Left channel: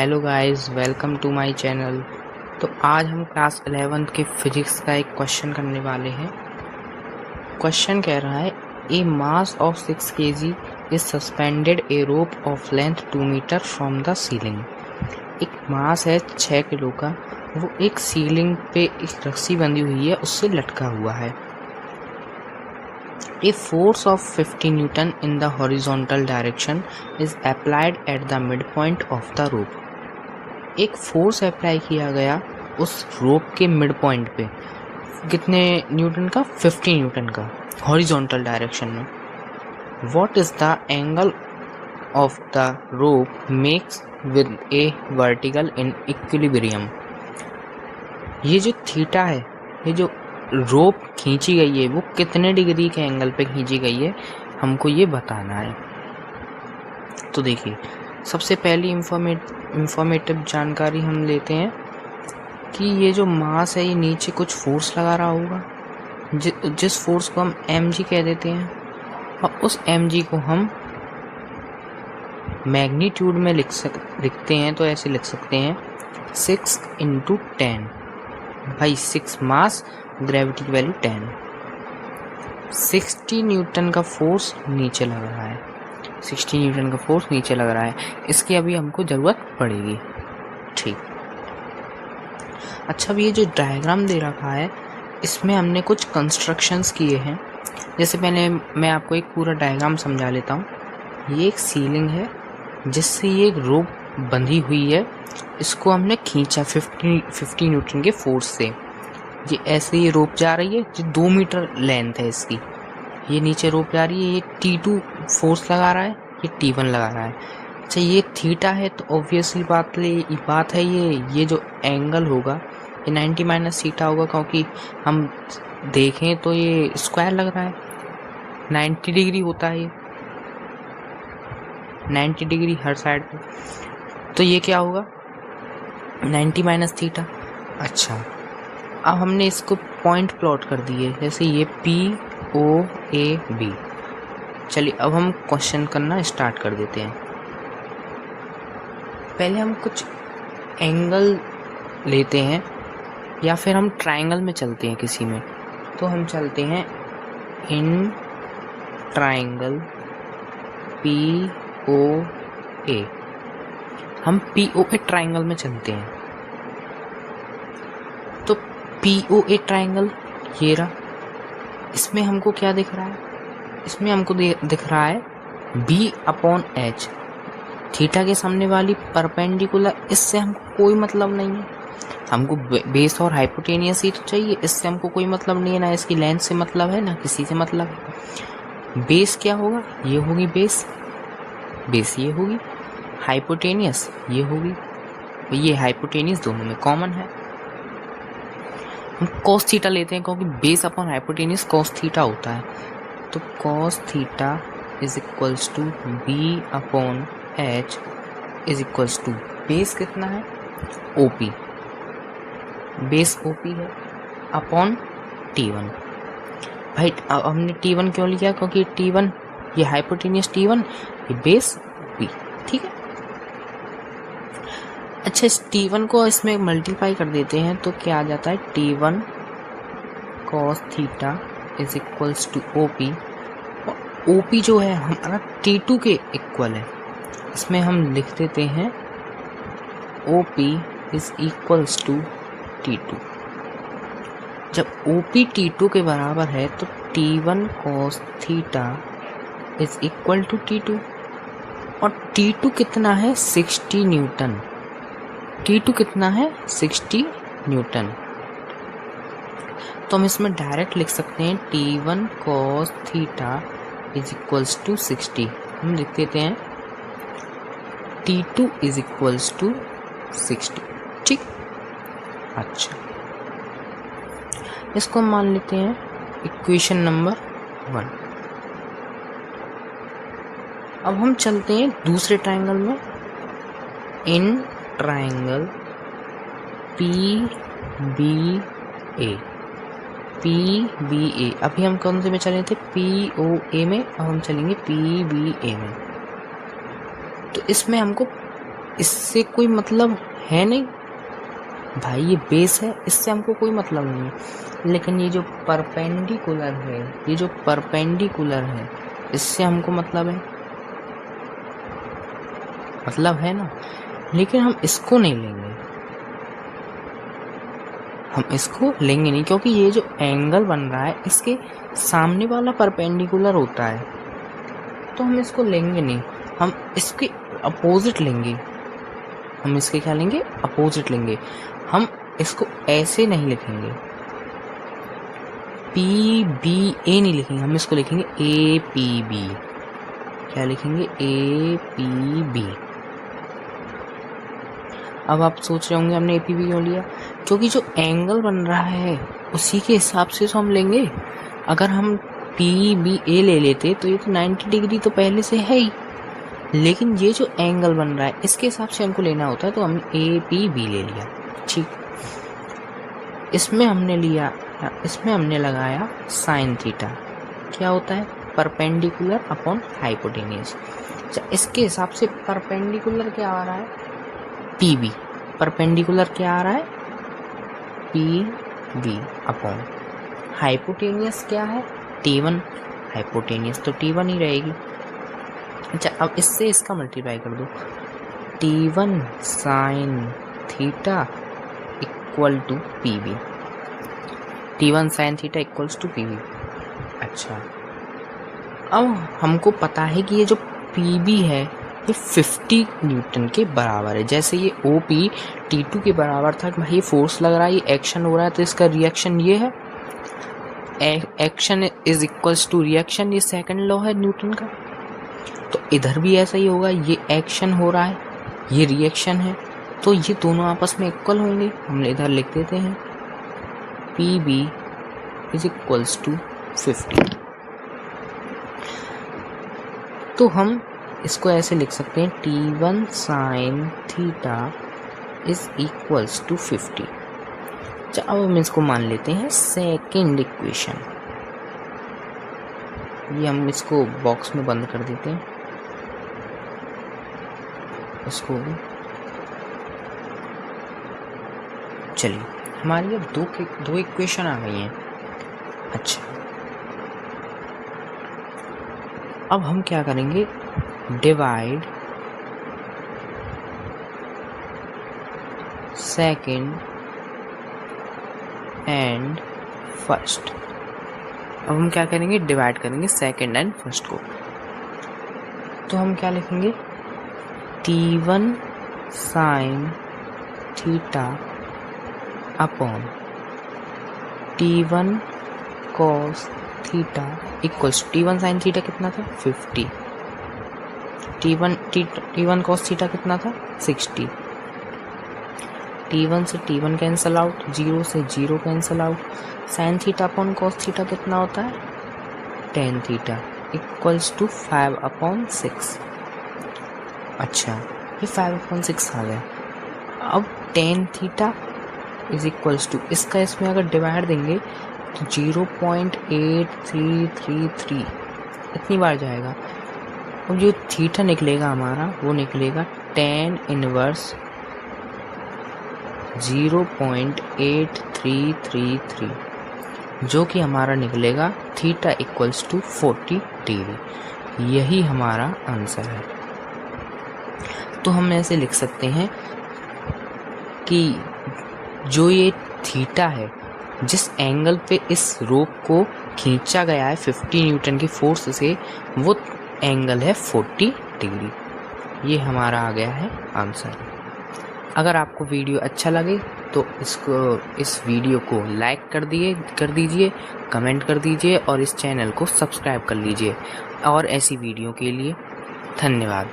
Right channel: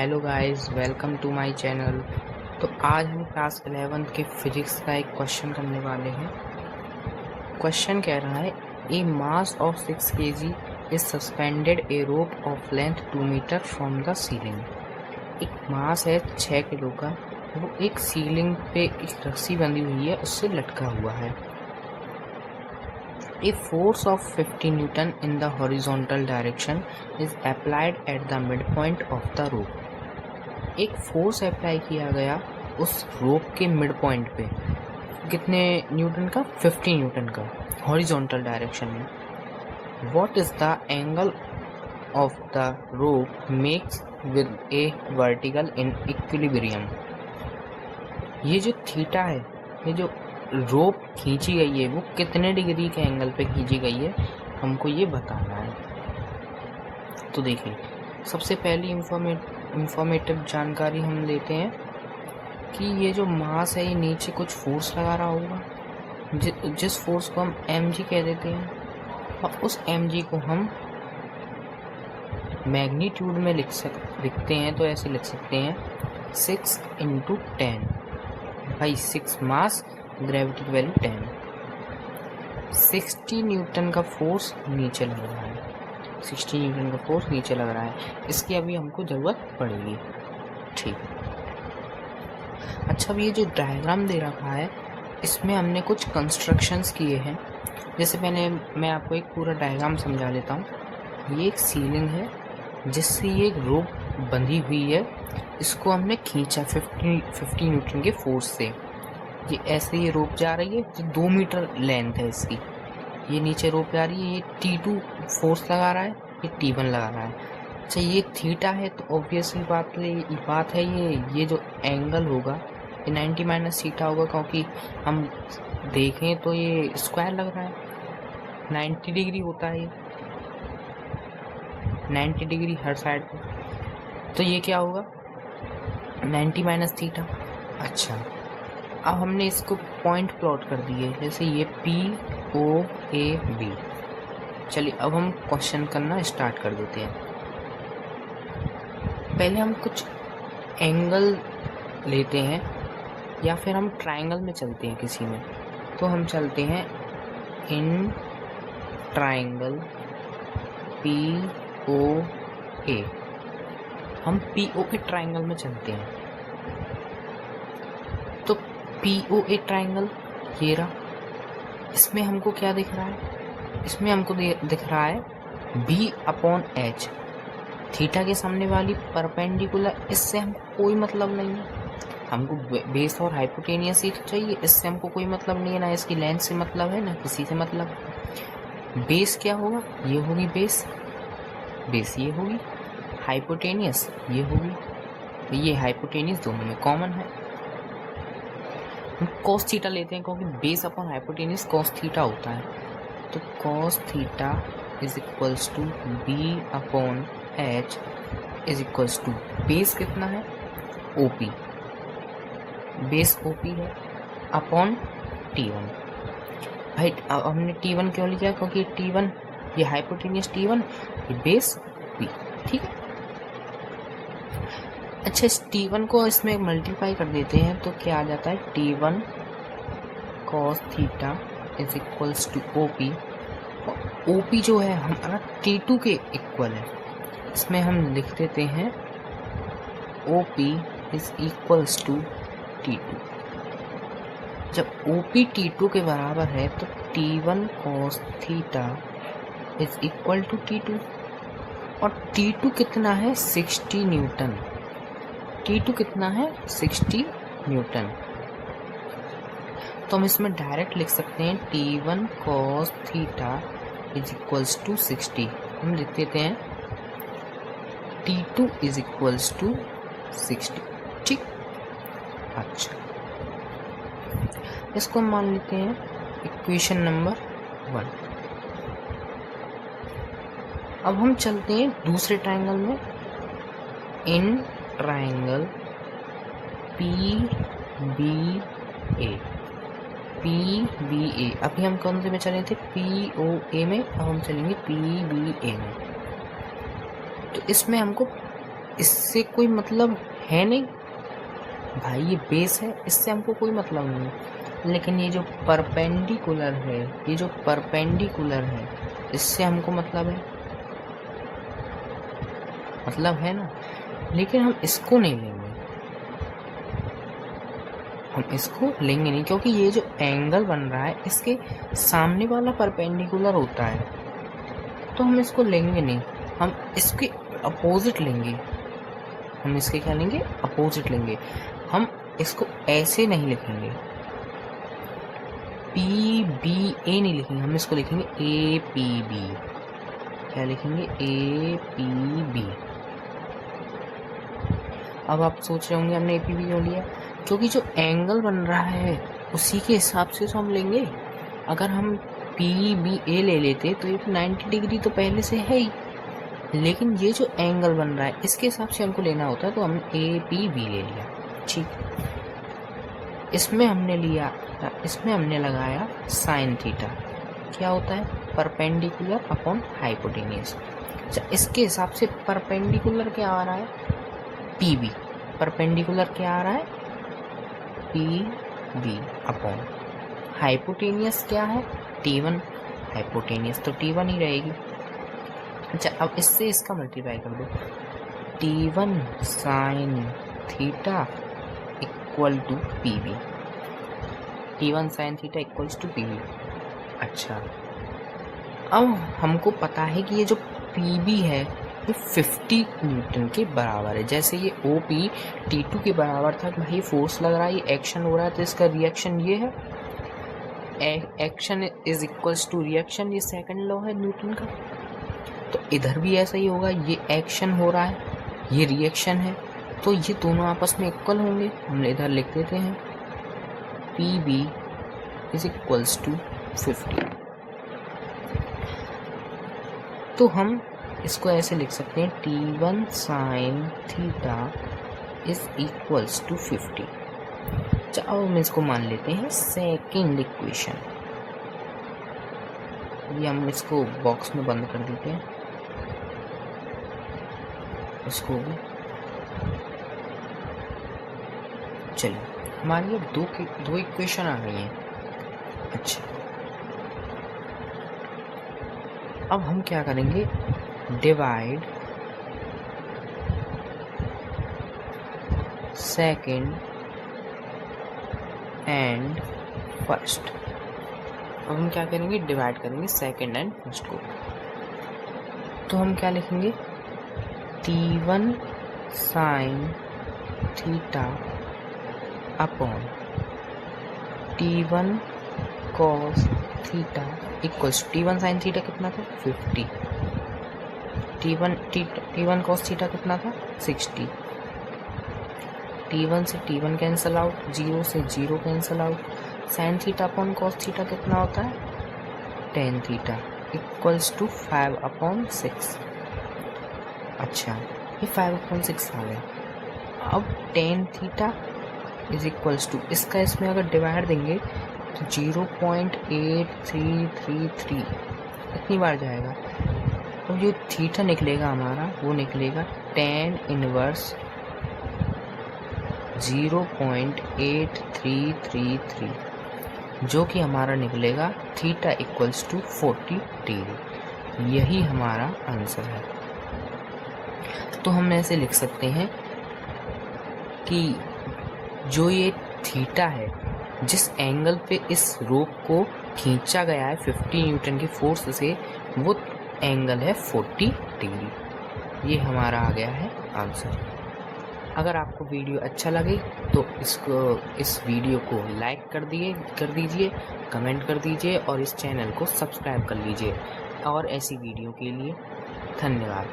Hello guys, welcome to my channel. तो आज हम क्लास 11th के फिजिक्स का एक क्वेश्चन करने वाले हैं। क्वेश्चन कह रहा है a mass of 6 kg is suspended a rope of length 2 metre from the ceiling. एक मास है 6 किलो का, वो एक सीलिंग पे एक रस्सी बंधी हुई है, उससे लटका हुआ है। A force of 50 Newton in the horizontal direction is applied at the midpoint of the rope. एक फोर्स अप्लाई किया गया उस रोप के मिड पॉइंट पे। कितने न्यूटन का? 50 न्यूटन का, हॉरिजॉन्टल डायरेक्शन में। What is the angle of the rope makes with A vertical in equilibrium. ये जो थीटा है, ये जो रोप खींची गई है, वो कितने डिग्री के एंगल पे खींची गई है, हमको ये बताना है। तो देखिए, सबसे पहली इंफॉर्मेटिव जानकारी हम लेते हैं कि ये जो मास है, ये नीचे कुछ फोर्स लगा रहा होगा, जिस फोर्स को हम mg कह देते हैं, और उस mg को हम मैग्नीट्यूड में लिखते हैं। तो ऐसे लिख सकते हैं 6 × 10। भाई 6 मास, ग्रेविटी की वैल्यू 10। 60 न्यूटन का फोर्स नीचे लग रहा है, 60 न्यूटन का फोर्स नीचे लग रहा है। इसकी अभी हमको ज़रूरत पड़ेगी। ठीक, अच्छा, अभी ये जो डायग्राम दे रखा है, इसमें हमने कुछ कंस्ट्रक्शंस किए हैं। जैसे पहले मैं आपको एक पूरा डायग्राम समझा लेता हूँ। ये एक सीलिंग है जिससे ये एक रोप बंधी हुई है, इसको हमने खींचा 50 न्यूटन के फोर्स से। ये ऐसे ये रोप जा रही है, जो 2 मीटर लेंथ है इसकी। ये नीचे रोप जा रही है, ये T2 फोर्स लगा रहा है, ये T1 लगा रहा है। अच्छा, ये थीटा है, तो ऑब्वियसली बात है ये जो एंगल होगा, ये 90 माइनस थीटा होगा, क्योंकि हम देखें तो ये स्क्वायर लग रहा है। 90 डिग्री होता है, 90 डिग्री हर साइड पे। तो ये क्या होगा? 90 माइनस थीटा। अच्छा, अब हमने इसको पॉइंट प्लॉट कर दिए, जैसे ये POAB। चलिए, अब हम क्वेश्चन करना स्टार्ट कर देते हैं। पहले हम कुछ एंगल लेते हैं, या फिर हम ट्रायंगल में चलते हैं किसी में। तो हम चलते हैं इन ट्रायंगल POA। हम POA ट्रायंगल में चलते हैं। तो POA ट्रायंगल ये रहा। इसमें हमको क्या दिख रहा है? इसमें हमको दिख रहा है B/H। थीटा के सामने वाली परपेंडिकुलर, इससे हमको कोई मतलब नहीं है। हमको बेस और हाइपोटेनियस ही तो चाहिए, इससे हमको कोई मतलब नहीं है, ना इसकी लेंथ से मतलब है, ना किसी से मतलब है। बेस क्या होगा? ये होगी बेस ये होगी। हाइपोटेनियस ये होगी, ये हाइपोटेनियस दोनों में कॉमन है। हम cos थीटा लेते हैं, क्योंकि base upon hypotenuse cos theta होता है। तो cos theta is equals to B/H is equals to base कितना है? OP। बेस OP है अपॉन T1। भाई अब हमने T1 क्यों लिया? क्योंकि T1 ये हाइपोटेनियस T1, ये बेस OP। ठीक है। अच्छा, इस T1 को इसमें मल्टीप्लाई कर देते हैं, तो क्या आ जाता है? T1 cos theta is equals to OP। OP जो है हमारा T2 के इक्वल है। इसमें हम लिख देते हैं OP is equals to T2। जब OP T2 के बराबर है, तो T1 cos theta is equal to T2। और T2 कितना है? 60 न्यूटन। T2 कितना है? 60 न्यूटन। तो हम इसमें डायरेक्ट लिख सकते हैं T1 cos theta is equals to 60। हम लिख देते हैं T2 इज इक्वल्स टू 60। ठीक। अच्छा, इसको मान लेते हैं इक्वेशन नंबर 1। अब हम चलते हैं दूसरे ट्रायंगल में, इन ट्रायंगल PBA। अभी हम कौन से में चले थे? POA में। अब हम चलेंगे PBA में। तो इसमें हमको इससे कोई मतलब है नहीं भाई, ये बेस है, इससे हमको कोई मतलब नहीं। लेकिन ये जो परपेंडिकुलर है, ये जो परपेंडिकुलर है, इससे हमको मतलब है ना। लेकिन हम इसको नहीं लेंगे, हम इसको लेंगे नहीं, क्योंकि ये जो एंगल बन रहा है इसके सामने वाला परपेंडिकुलर होता है, तो हम इसको लेंगे नहीं, हम इसके अपोजिट लेंगे। हम इसके क्या लेंगे? अपोजिट लेंगे। हम इसको ऐसे नहीं लिखेंगे, पी बी ए नहीं लिखेंगे, हम इसको लिखेंगे ए पी बी। क्या लिखेंगे? A P B. अब आप सोच रहे होंगे हमने ए पी बी क्यों लिया? क्योंकि जो एंगल बन रहा है उसी के हिसाब से तो हम लेंगे। अगर हम पी बी ए ले लेते तो ये तो 90 डिग्री तो पहले से है ही, लेकिन ये जो एंगल बन रहा है इसके हिसाब से हमको लेना होता है, तो हमने ए पी बी ले लिया। ठीक, इसमें हमने लगाया साइन थीटा। क्या होता है? Perpendicular upon hypotenuse. अच्छा, इसके हिसाब से परपेंडिकुलर क्या आ रहा है? P B. परपेंडिकुलर क्या आ रहा है? पी बी अपॉन हाइपोटेन्यूज क्या है? T1। हाइपोटेन्यूज तो T1 ही रहेगी। अच्छा, अब इससे इसका मल्टीप्लाई कर दो, T1 sine theta equal to P B. T1 sine theta equals to P B. अच्छा, अब हमको पता है कि ये जो पी बी है ये 50 न्यूटन के बराबर है। जैसे ये ओ पी T2 के बराबर था कि भाई फोर्स लग रहा है, ये एक्शन हो रहा है, तो इसका रिएक्शन ये है, action is equals to reaction, ये सेकंड लॉ है न्यूटन का। तो इधर भी ऐसा ही होगा, ये एक्शन हो रहा है, ये रिएक्शन है, तो ये दोनों आपस में इक्वल होंगे। हम इधर लिख देते हैं P B is equals to 50। तो हम इसको ऐसे लिख सकते हैं T1 sine theta is equals to 50। अच्छा, अब हम इसको मान लेते हैं सेकेंड इक्वेशन। ये हम इसको बॉक्स में बंद कर देते हैं, इसको भी। चलिए, हमारी अब दो इक्वेशन आ गई हैं। अच्छा, अब हम क्या करेंगे? Divide second and first. अब हम क्या करेंगे? डिवाइड करेंगे सेकेंड एंड फर्स्ट को। तो हम क्या लिखेंगे? T1 sine theta upon T1 cos theta equals T1 sine theta कितना था? 50। T1 कॉस थीटा कितना था? 60। T1 से T1 कैंसिल आउट, 0 से 0 cancel out. Sine theta upon cos theta कितना होता है? tan theta equals to 5/6। अच्छा, ये 5/6 आ गया। अब tan theta is equals to, इसका इसमें अगर डिवाइड देंगे तो 0.8333 इतनी बार जाएगा। अब जो थीटा निकलेगा हमारा वो निकलेगा tan इनवर्स 0.8333, जो कि हमारा निकलेगा थीटा इक्वल्स टू 40 डिग्री। यही हमारा आंसर है। तो हम ऐसे लिख सकते हैं कि जो ये थीटा है, जिस एंगल पे इस रोप को खींचा गया है 50 न्यूटन की फोर्स से, वो एंगल है 40 डिग्री। ये हमारा आ गया है आंसर। अगर आपको वीडियो अच्छा लगे तो इस वीडियो को लाइक कर दीजिए, कमेंट कर दीजिए और इस चैनल को सब्सक्राइब कर लीजिए। और ऐसी वीडियो के लिए धन्यवाद।